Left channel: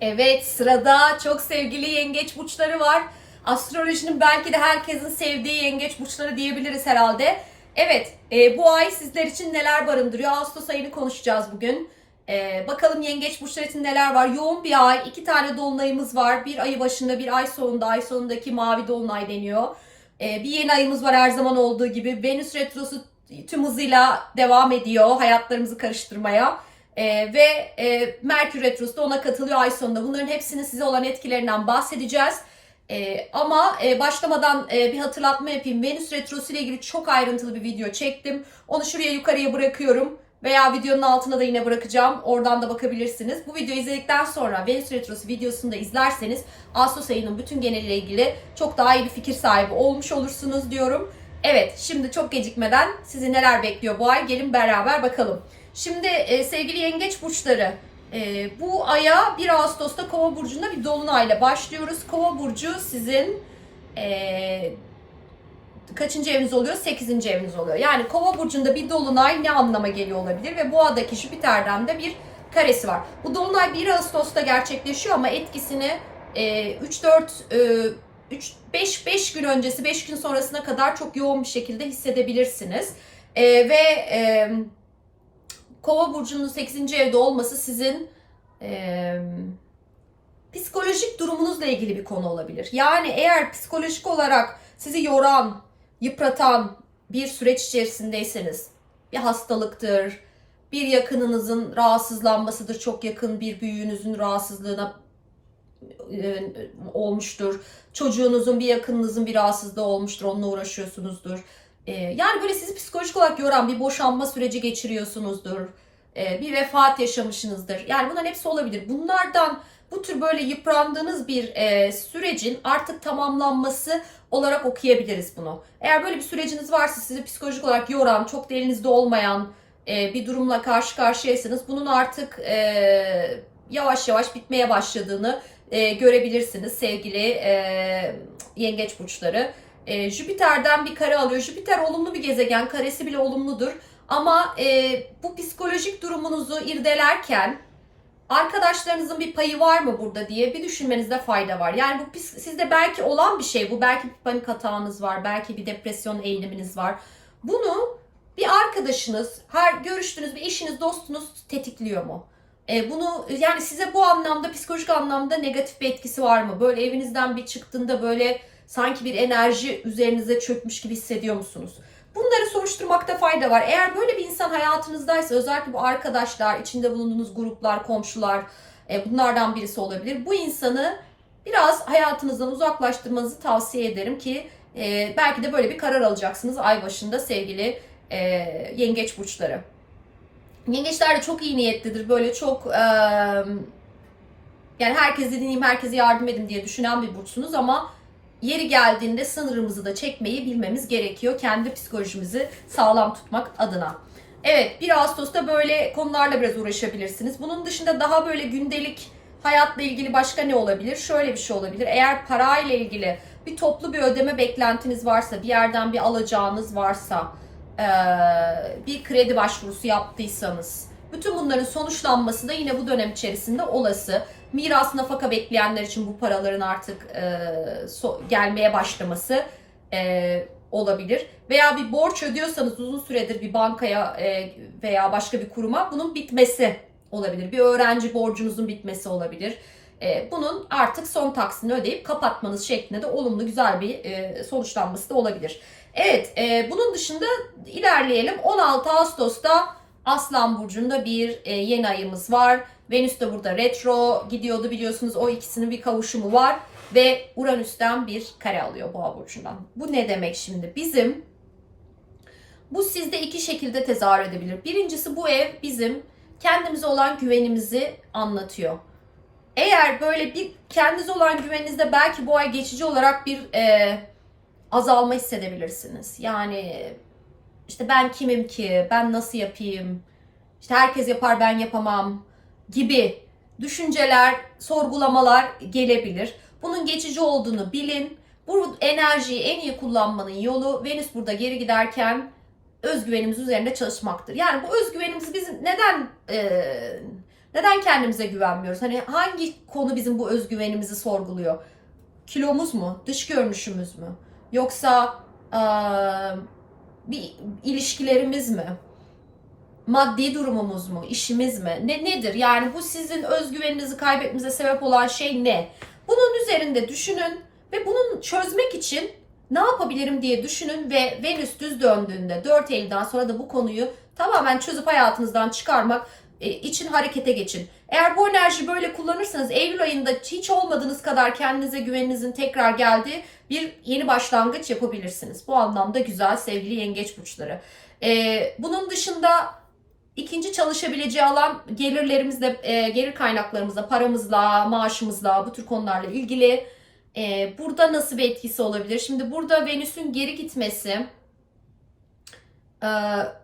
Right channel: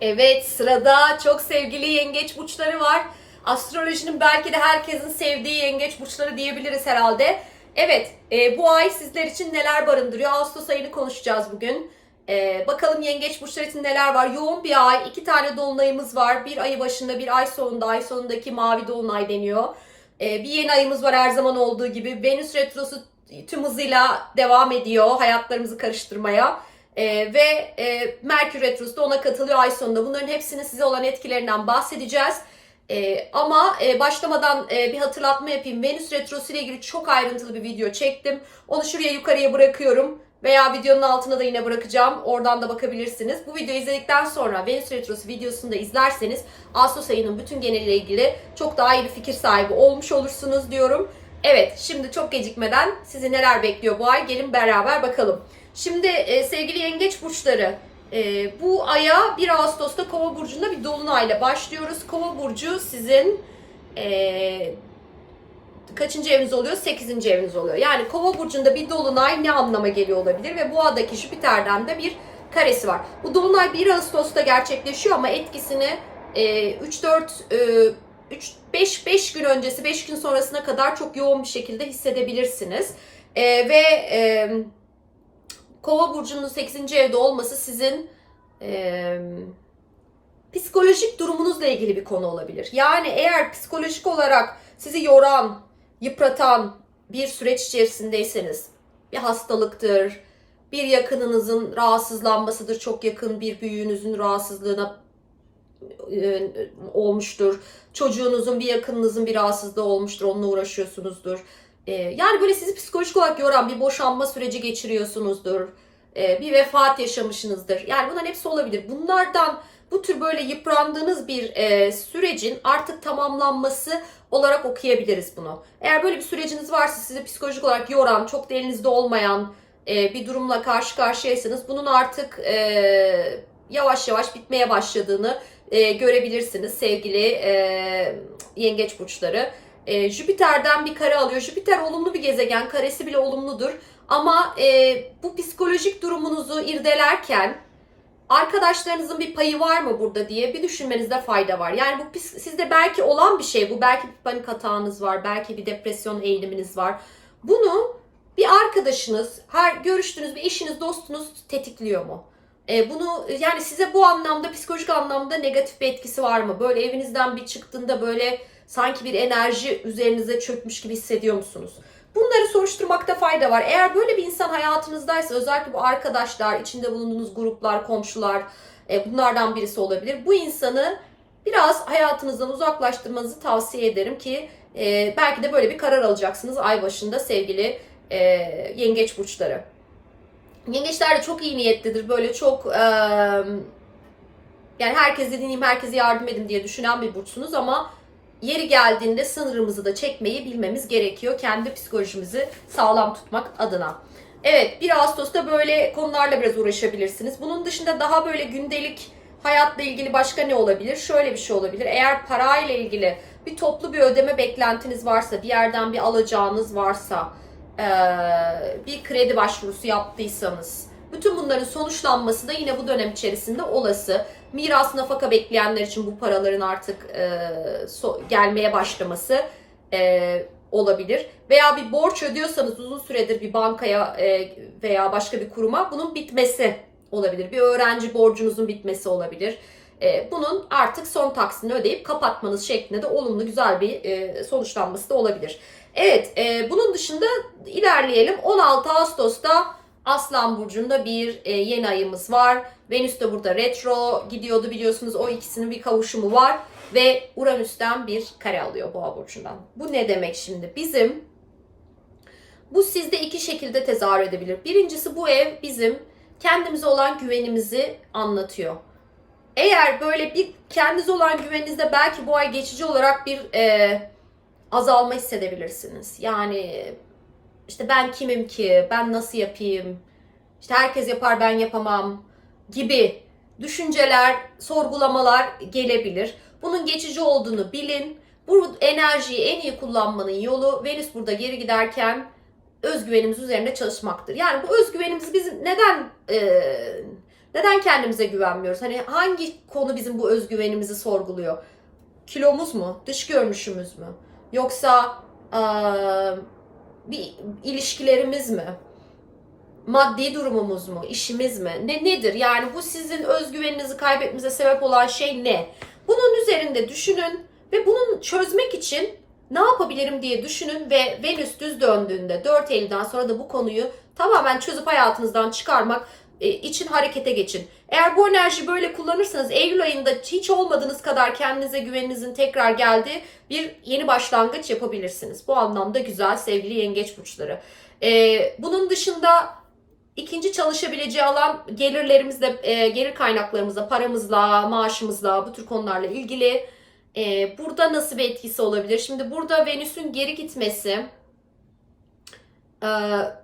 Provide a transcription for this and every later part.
Evet sırada çok sevgili yengeç burçları var. Astrolojinin belki de herkesin sevdiği yengeç burçları diyebiliriz herhalde. Evet e, bu ay sizler için neler barındırıyor? Ağustos ayını konuşacağız bugün. E, bakalım yengeç burçları için neler var? Yoğun bir ay. iki tane dolunayımız var. Bir ayı başında bir ay sonunda. Ay sonundaki mavi dolunay deniyor. E, bir yeni ayımız var her zaman olduğu gibi. Venüs retrosu tüm hızıyla devam ediyor hayatlarımızı karıştırmaya. Ee, ve e, Merkür Retrosu da ona katılıyor ay sonunda. Bunların hepsinin size olan etkilerinden bahsedeceğiz. Ee, ama e, başlamadan e, bir hatırlatma yapayım. Venüs Retrosu ile ilgili çok ayrıntılı bir video çektim. Onu şuraya yukarıya bırakıyorum. Veya videonun altına da yine bırakacağım. Oradan da bakabilirsiniz. Bu videoyu izledikten sonra Venüs Retrosu videosunu da izlerseniz Ağustos ayının bütün geneliyle ilgili çok daha iyi bir fikir sahibi olmuş olursunuz diyorum. Evet şimdi çok gecikmeden sizi neler bekliyor bu ay gelin beraber bakalım. Şimdi e, sevgili yengeç burçları e, bu aya 1 Ağustos'ta Kova burcunda bir dolunayla başlıyoruz. Kova burcu sizin e, kaçıncı eviniz oluyor? 8. eviniz oluyor. Yani Kova burcunda bir dolunay ne anlama geliyor olabilir ve boğadaki Jüpiter'den de bir karesi var. Bu dolunay 1 Ağustos'ta gerçekleşiyor ama etkisini e, 3-4 e, 3 5 5 gün öncesi 5 gün sonrasına kadar çok yoğun bir şekilde hissedebilirsiniz. E, ve e, Kova burcunun 8. evde olması sizin e, psikolojik durumunuzla ilgili bir konu olabilir. Yani eğer psikolojik olarak sizi yoran, yıpratan bir süreç içerisindeyseniz bir hastalıktır, bir yakınınızın rahatsızlanmasıdır, çok yakın bir büyüğünüzün rahatsızlığına e, olmuştur. Çocuğunuzun bir yakınınızın bir rahatsızlığı olmuştur, onunla uğraşıyorsunuzdur. E, yani böyle sizi psikolojik olarak yoran bir boşanma süreci geçiriyorsunuzdur. E, bir vefat yaşamışsınızdır. Yani bunların hepsi olabilir. Bunlardan bu tür böyle yıprandığınız bir e, sürecin artık tamamlanması olarak okuyabiliriz bunu. Eğer böyle bir süreciniz varsa sizi psikolojik olarak yoran, çok derinizde olmayan e, bir durumla karşı karşıyaysanız bunun artık e, yavaş yavaş bitmeye başladığını görebilirsiniz sevgili e, yengeç burçları. E, Jüpiter'den bir kare alıyor. Jüpiter olumlu bir gezegen. Karesi bile olumludur. Ama e, bu psikolojik durumunuzu irdelerken arkadaşlarınızın bir payı var mı burada diye bir düşünmenizde fayda var. Yani bu sizde belki olan bir şey. Bu belki bir panik hatağınız var. Belki bir depresyon eğiliminiz var. Bunu bir arkadaşınız, her görüştüğünüz bir eşiniz, dostunuz tetikliyor mu? E, bunu yani size bu anlamda psikolojik anlamda negatif bir etkisi var mı? Böyle evinizden bir çıktığında böyle sanki bir enerji üzerinize çökmüş gibi hissediyor musunuz? Bunları soruşturmakta fayda var. Eğer böyle bir insan hayatınızdaysa özellikle bu arkadaşlar, içinde bulunduğunuz gruplar, komşular e, bunlardan birisi olabilir. Bu insanı biraz hayatınızdan uzaklaştırmanızı tavsiye ederim ki e, belki de böyle bir karar alacaksınız ay başında sevgili e, yengeç burçları. Yengeçler de çok iyi niyetlidir. Böyle çok e, yani herkesi dinleyeyim, herkese yardım edin diye düşünen bir burçsunuz ama yeri geldiğinde sınırımızı da çekmeyi bilmemiz gerekiyor. Kendi psikolojimizi sağlam tutmak adına. Evet 1 Ağustos'ta böyle konularla biraz uğraşabilirsiniz. Bunun dışında daha böyle gündelik hayatla ilgili başka ne olabilir? Şöyle bir şey olabilir. Eğer parayla ilgili bir toplu bir ödeme beklentiniz varsa, bir yerden bir alacağınız varsa, bir kredi başvurusu yaptıysanız, bütün bunların sonuçlanması da yine bu dönem içerisinde olası. Miras nafaka bekleyenler için bu paraların artık eee, so- gelmeye başlaması eee, olabilir. Veya bir borç ödüyorsanız uzun süredir bir bankaya eee, veya başka bir kuruma bunun bitmesi olabilir. Bir öğrenci borcunuzun bitmesi olabilir. Eee, bunun artık son taksini ödeyip kapatmanız şeklinde de olumlu güzel bir eee, sonuçlanması da olabilir. Evet, eee, bunun dışında ilerleyelim. 16 Ağustos'ta Aslan Burcu'nda bir eee, yeni ayımız var. Venüs de burada retro gidiyordu biliyorsunuz. O ikisinin bir kavuşumu var. Ve Uranüs'ten bir kare alıyor Boğa Burcu'ndan. Bu ne demek şimdi? Bizim bu sizde iki şekilde tezahür edebilir. Birincisi bu ev bizim kendimize olan güvenimizi anlatıyor. Eğer böyle bir kendinize olan güveninizde belki bu ay geçici olarak bir e, azalma hissedebilirsiniz. Yani işte ben kimim ki, ben nasıl yapayım, işte herkes yapar ben yapamam gibi düşünceler, sorgulamalar gelebilir. Bunun geçici olduğunu bilin. Bu enerjiyi en iyi kullanmanın yolu Venüs burada geri giderken özgüvenimiz üzerinde çalışmaktır. Yani bu özgüvenimizi biz neden e, Neden kendimize güvenmiyoruz? Hani hangi konu bizim bu özgüvenimizi sorguluyor? Kilomuz mu? Dış görünüşümüz mü? Yoksa eee, bir ilişkilerimiz mi? Maddi durumumuz mu? İşimiz mi? Ne nedir? Yani bu sizin özgüveninizi kaybetmenize sebep olan şey ne? Bunun üzerinde düşünün ve bunun çözmek için ne yapabilirim diye düşünün ve Venüs düz döndüğünde 4 Eylül'den sonra da bu konuyu tamamen çözüp hayatınızdan çıkarmak e, için harekete geçin. Eğer bu enerjiyi böyle kullanırsanız Eylül ayında hiç olmadığınız kadar kendinize güveninizin tekrar geldiği bir yeni başlangıç yapabilirsiniz. Bu anlamda güzel sevgili yengeç burçları. E, bunun dışında ikinci çalışabileceği alan gelirlerimizle, e, gelir kaynaklarımızla, paramızla, maaşımızla, bu tür konularla ilgili. E, burada nasıl bir etkisi olabilir? Şimdi burada Venüs'ün geri gitmesi e,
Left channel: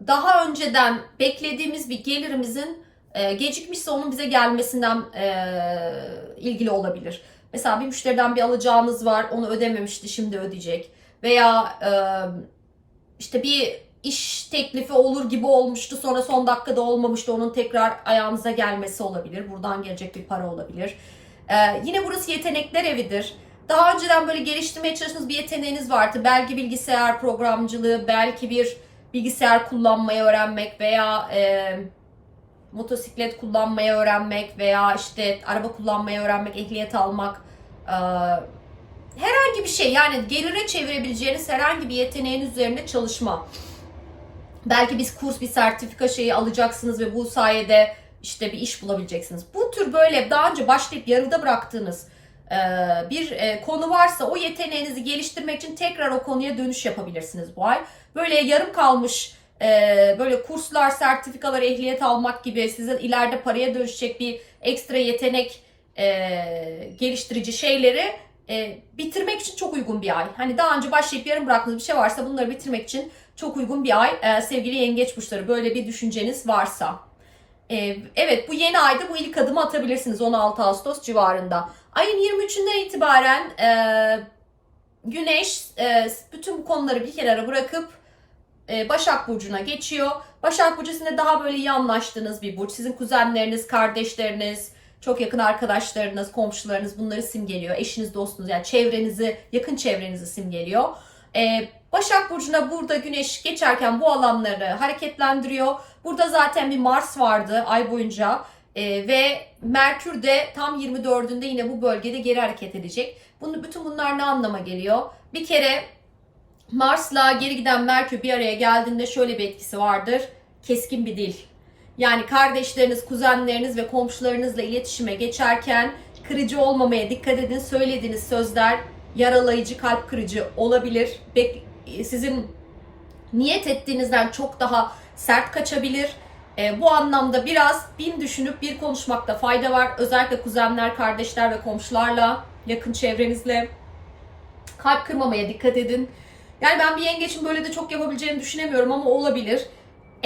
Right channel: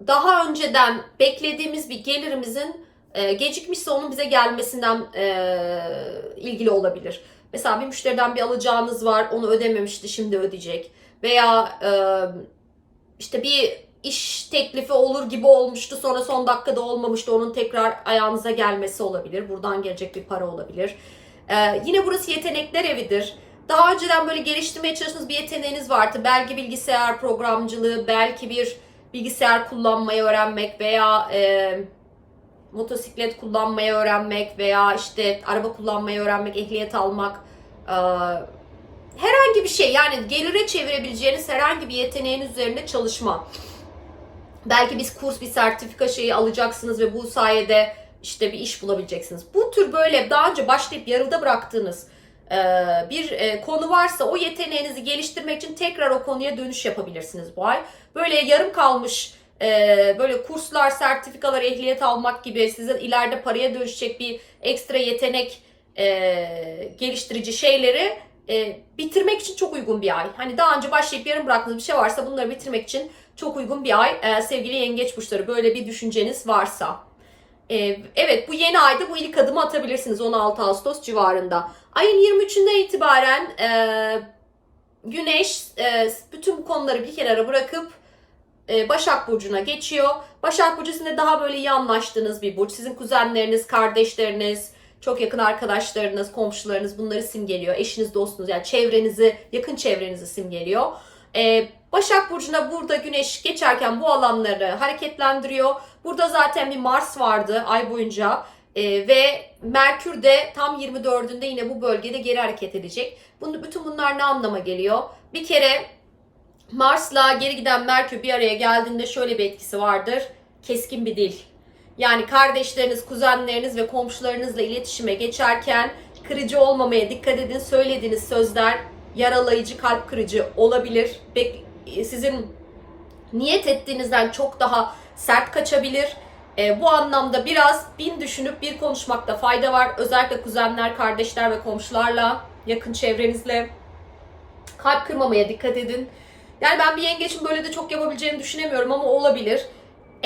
daha önceden beklediğimiz bir gelirimizin e, gecikmişse onun bize gelmesinden e, ilgili olabilir. Mesela bir müşteriden bir alacağınız var, onu ödememişti, şimdi ödeyecek. Veya e, işte bir iş teklifi olur gibi olmuştu, sonra son dakikada olmamıştı, onun tekrar ayağınıza gelmesi olabilir. Buradan gelecek bir para olabilir. E, yine burası yetenekler evidir. Daha önceden böyle geliştirmeye çalıştığınız bir yeteneğiniz vardı. Belki bilgisayar programcılığı, belki bir bilgisayar kullanmayı öğrenmek veya e, motosiklet kullanmayı öğrenmek veya işte araba kullanmayı öğrenmek, ehliyet almak, e, herhangi bir şey yani gelire çevirebileceğiniz herhangi bir yeteneğin üzerinde çalışma. Belki biz kurs, bir sertifika şeyi alacaksınız ve bu sayede işte bir iş bulabileceksiniz. Bu tür böyle daha önce başlayıp yarıda bıraktığınız e, bir e, konu varsa o yeteneğinizi geliştirmek için tekrar o konuya dönüş yapabilirsiniz bu ay. Böyle yarım kalmış e, böyle kurslar, sertifikalar, ehliyet almak gibi size ileride paraya dönüşecek bir ekstra yetenek geliştirici şeyleri bitirmek için çok uygun bir ay. Hani daha önce başlayıp yarım bıraktığınız bir şey varsa bunları bitirmek için çok uygun bir ay. E, sevgili yengeç burçları böyle bir düşünceniz varsa. E, evet bu yeni ayda bu ilk adımı atabilirsiniz 16 Ağustos civarında. Ayın 23'ünden itibaren e, Güneş e, bütün konuları bir kenara bırakıp e, Başak Burcu'na geçiyor. Başak Burcu sizinle daha böyle iyi anlaştığınız bir burç. Sizin kuzenleriniz, kardeşleriniz, çok yakın arkadaşlarınız, komşularınız bunları simgeliyor. Eşiniz, dostunuz yani çevrenizi, yakın çevrenizi simgeliyor. E, Başak Burcu'na burada Güneş geçerken bu alanları hareketlendiriyor. Burada zaten bir Mars vardı ay boyunca. E, ve Merkür de tam 24'ünde yine bu bölgede geri hareket edecek. Bunu, bütün bunlar ne anlama geliyor? Bir kere Mars'la geri giden Merkür bir araya geldiğinde şöyle bir etkisi vardır. Keskin bir dil. Yani kardeşleriniz, kuzenleriniz ve komşularınızla iletişime geçerken kırıcı olmamaya dikkat edin. Söylediğiniz sözler yaralayıcı, kalp kırıcı olabilir. Bek- Sizin niyet ettiğinizden çok daha sert kaçabilir. E, bu anlamda biraz bin düşünüp bir konuşmakta fayda var. Özellikle kuzenler, kardeşler ve komşularla, yakın çevrenizle kalp kırmamaya dikkat edin. Yani ben bir yengeçin böyle de çok yapabileceğini düşünemiyorum ama olabilir.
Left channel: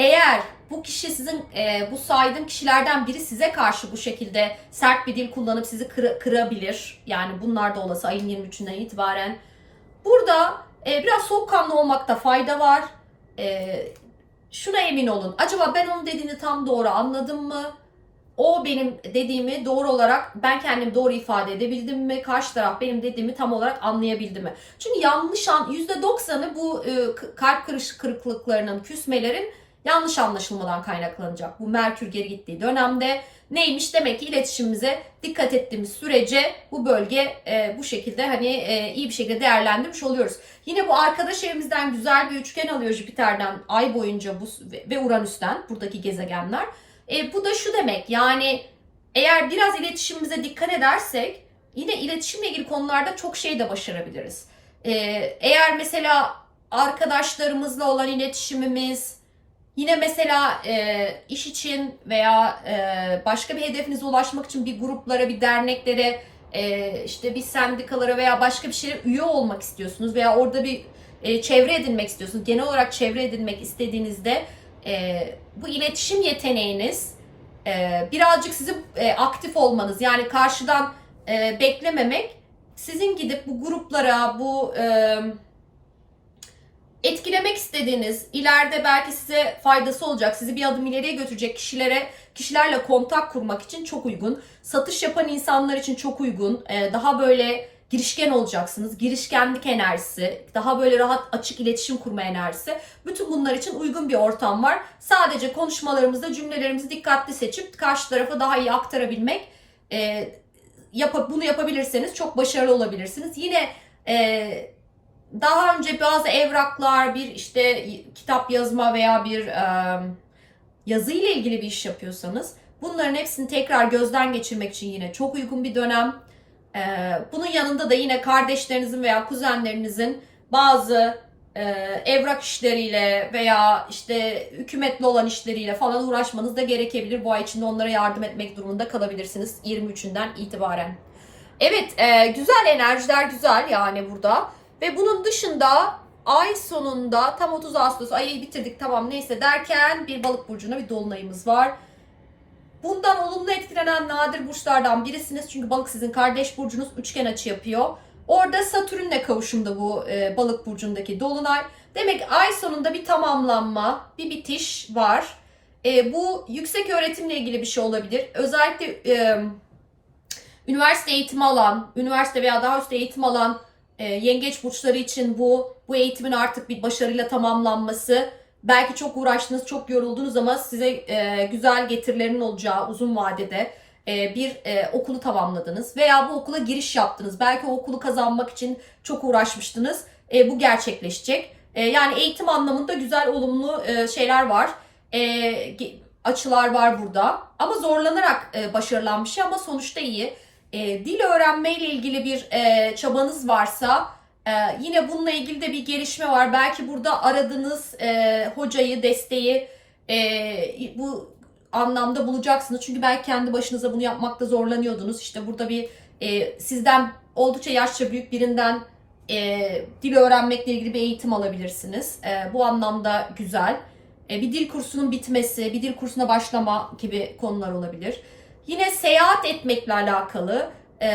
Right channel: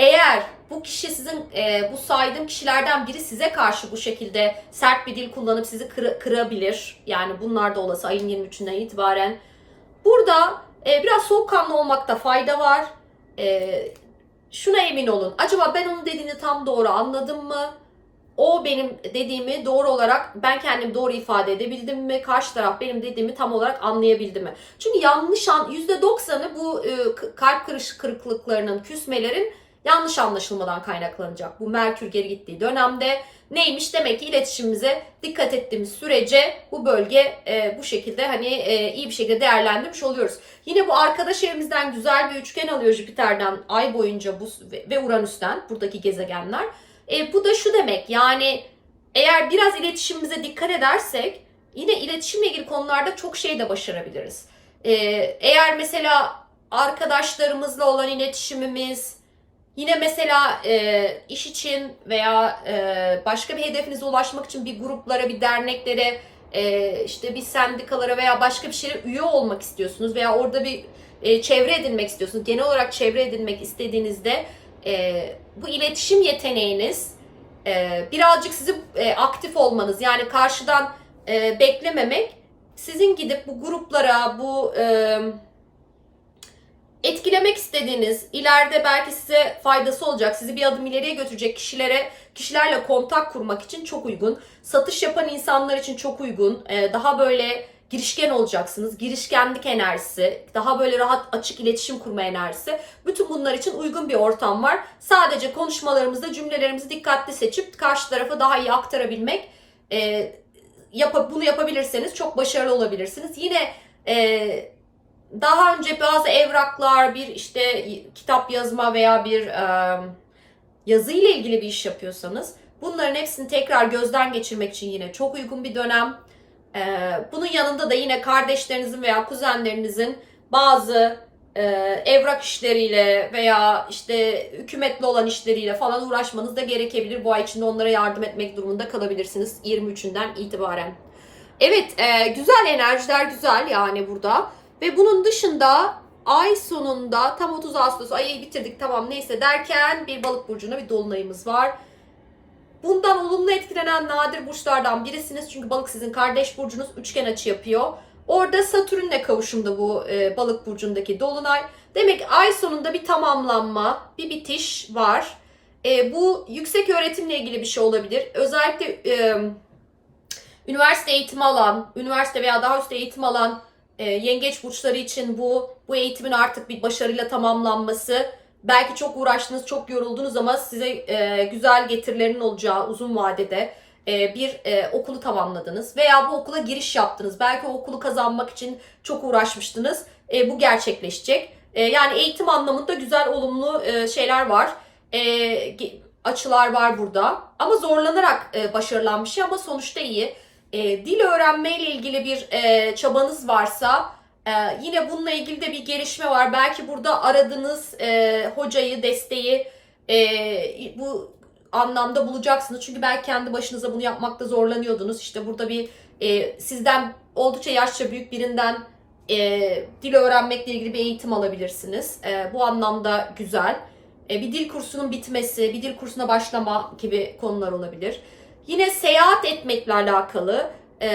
Eğer bu kişi sizin e, bu saydığım kişilerden biri size karşı bu şekilde sert bir dil kullanıp sizi kır- kırabilir. Yani bunlar da olası ayın 23'ünden itibaren. Burada e, biraz soğukkanlı olmakta fayda var. E, şuna emin olun. Acaba ben onun dediğini tam doğru anladım mı? O benim dediğimi doğru olarak ben kendim doğru ifade edebildim mi? Karşı taraf benim dediğimi tam olarak anlayabildi mi? Çünkü yanlış an %90'ı bu e, kalp kırış kırıklıklarının, küsmelerin yanlış anlaşılmadan kaynaklanacak. Bu Merkür geri gittiği dönemde neymiş demek ki iletişimimize dikkat ettiğimiz sürece bu bölge e, bu şekilde hani e, iyi bir şekilde değerlendirmiş oluyoruz. Yine bu arkadaş evimizden güzel bir üçgen alıyor Jüpiter'den ay boyunca bu ve- Uranüs'ten buradaki gezegenler. E, bu da şu demek yani eğer biraz iletişimimize dikkat edersek yine iletişimle ilgili konularda çok şey de başarabiliriz. E, eğer mesela arkadaşlarımızla olan iletişimimiz yine mesela e, iş için veya e, başka bir hedefinize ulaşmak için bir gruplara, bir derneklere, e, işte bir sendikalara veya başka bir şeye üye olmak istiyorsunuz veya orada bir e, çevre edinmek istiyorsunuz. Genel olarak çevre edinmek istediğinizde e, bu iletişim yeteneğiniz e, birazcık sizin e, aktif olmanız yani karşıdan e, beklememek sizin gidip bu gruplara bu e, etkilemek istediğiniz ileride belki size faydası olacak sizi bir adım ileriye götürecek kişilere kişilerle kontak kurmak için çok uygun. Satış yapan insanlar için çok uygun. Ee, daha böyle girişken olacaksınız. Girişkenlik enerjisi, daha böyle rahat açık iletişim kurma enerjisi. Bütün bunlar için uygun bir ortam var. Sadece konuşmalarımızda cümlelerimizi dikkatli seçip karşı tarafa daha iyi aktarabilmek. E, bunu yapabilirseniz çok başarılı olabilirsiniz. Yine e, daha önce bazı evraklar, bir işte kitap yazma veya bir e, yazı ile ilgili bir iş yapıyorsanız bunların hepsini tekrar gözden geçirmek için yine çok uygun bir dönem. E, bunun yanında da yine kardeşlerinizin veya kuzenlerinizin bazı e, evrak işleriyle veya işte hükümetli olan işleriyle falan uğraşmanız da gerekebilir. Bu ay içinde onlara yardım etmek durumunda kalabilirsiniz 23'ünden itibaren. Evet, e, güzel enerjiler güzel yani burada. Ve bunun dışında ay sonunda tam 30 Ağustos ayı bitirdik tamam neyse derken bir balık burcuna bir dolunayımız var. Bundan olumlu etkilenen nadir burçlardan birisiniz. Çünkü balık sizin kardeş burcunuz üçgen açı yapıyor. Orada Satürn'le kavuşumda bu e, balık burcundaki dolunay. Demek ay sonunda bir tamamlanma, bir bitiş var. E, bu yüksek öğretimle ilgili bir şey olabilir. Özellikle e, üniversite eğitimi alan, üniversite veya daha üst eğitim alan e, yengeç burçları için bu bu eğitimin artık bir başarıyla tamamlanması. Belki çok uğraştınız, çok yoruldunuz ama size e, güzel getirilerin olacağı uzun vadede e, bir e, okulu tamamladınız veya bu okula giriş yaptınız. Belki o okulu kazanmak için çok uğraşmıştınız. E, bu gerçekleşecek. E, yani eğitim anlamında güzel, olumlu e, şeyler var. E, açılar var burada. Ama zorlanarak e, başarılan şey ama sonuçta iyi. E, dil öğrenme ile ilgili bir e, çabanız varsa e, yine bununla ilgili de bir gelişme var. Belki burada aradığınız e, hocayı, desteği e, bu anlamda bulacaksınız. Çünkü belki kendi başınıza bunu yapmakta zorlanıyordunuz. İşte burada bir e, sizden oldukça yaşça büyük birinden e, dil öğrenmekle ilgili bir eğitim alabilirsiniz. E, bu anlamda güzel. E, bir dil kursunun bitmesi, bir dil kursuna başlama gibi konular olabilir. Yine seyahat etmekle alakalı e,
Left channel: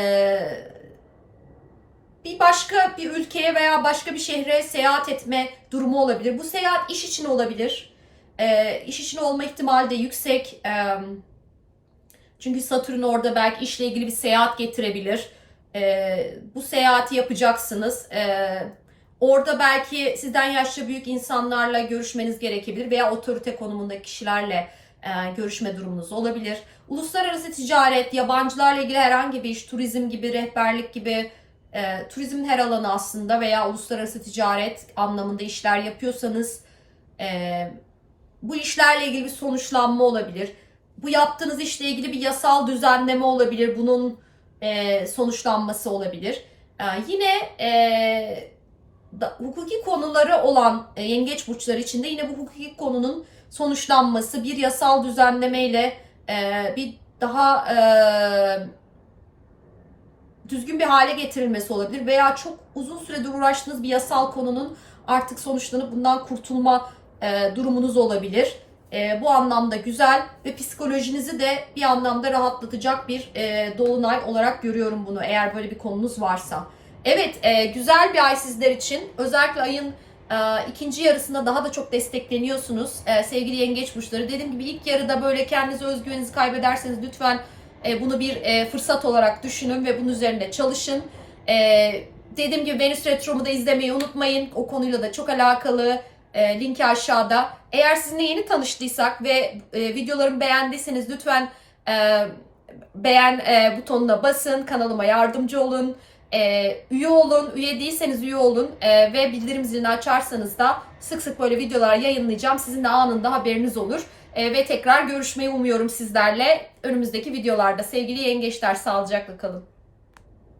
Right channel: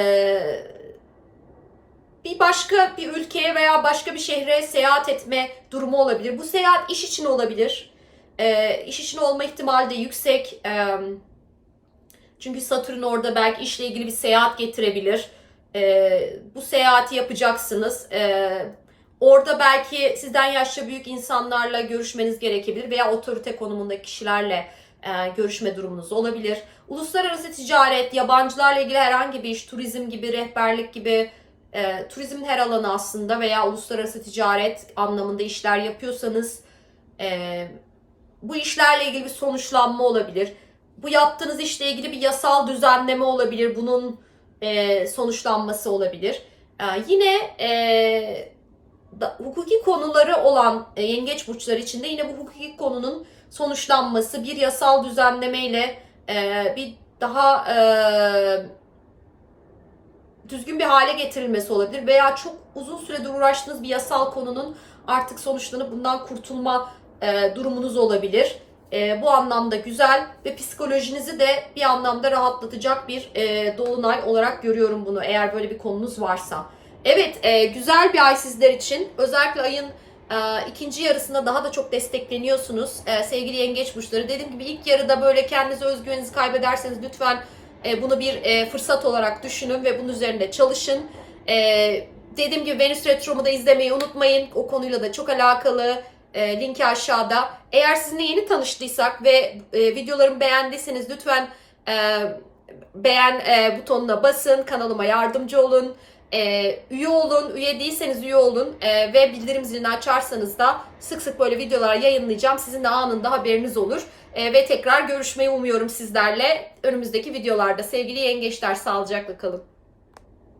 bir başka bir ülkeye veya başka bir şehre seyahat etme durumu olabilir. Bu seyahat iş için olabilir. E, iş için olma ihtimali de yüksek. E, çünkü Satürn orada belki işle ilgili bir seyahat getirebilir. E, bu seyahati yapacaksınız. E, orada belki sizden yaşça büyük insanlarla görüşmeniz gerekebilir veya otorite konumundaki kişilerle e, görüşme durumunuz olabilir. Uluslararası ticaret, yabancılarla ilgili herhangi bir iş, turizm gibi, rehberlik gibi, e, turizmin her alanı aslında veya uluslararası ticaret anlamında işler yapıyorsanız e, bu işlerle ilgili bir sonuçlanma olabilir. Bu yaptığınız işle ilgili bir yasal düzenleme olabilir. Bunun e, sonuçlanması olabilir. E, yine e, hukuki konuları olan e, yengeç burçları içinde yine bu hukuki konunun sonuçlanması, bir yasal düzenlemeyle e, bir daha e, düzgün bir hale getirilmesi olabilir veya çok uzun süredir uğraştığınız bir yasal konunun artık sonuçlanıp bundan kurtulma e, durumunuz olabilir. E, bu anlamda güzel ve psikolojinizi de bir anlamda rahatlatacak bir e, dolunay olarak görüyorum bunu eğer böyle bir konunuz varsa. Evet e, güzel bir ay sizler için özellikle ayın ikinci yarısında daha da çok destekleniyorsunuz e, sevgili yengeç burçları. Dediğim gibi ilk yarıda böyle kendinize özgüveninizi kaybederseniz lütfen e, bunu bir e, fırsat olarak düşünün ve bunun üzerinde çalışın. E, dediğim gibi Venüs Retromu da izlemeyi unutmayın. O konuyla da çok alakalı. E, linki aşağıda. Eğer sizinle yeni tanıştıysak ve videolarımı beğendiyseniz lütfen beğen butonuna basın. Kanalıma yardımcı olun. E, üye olun. Üye değilseniz üye olun. E, ve bildirim zilini açarsanız da sık sık böyle videolar yayınlayacağım. Sizin de anında haberiniz olur. E, ve tekrar görüşmeyi umuyorum sizlerle önümüzdeki videolarda. Sevgili yengeçler sağlıcakla kalın.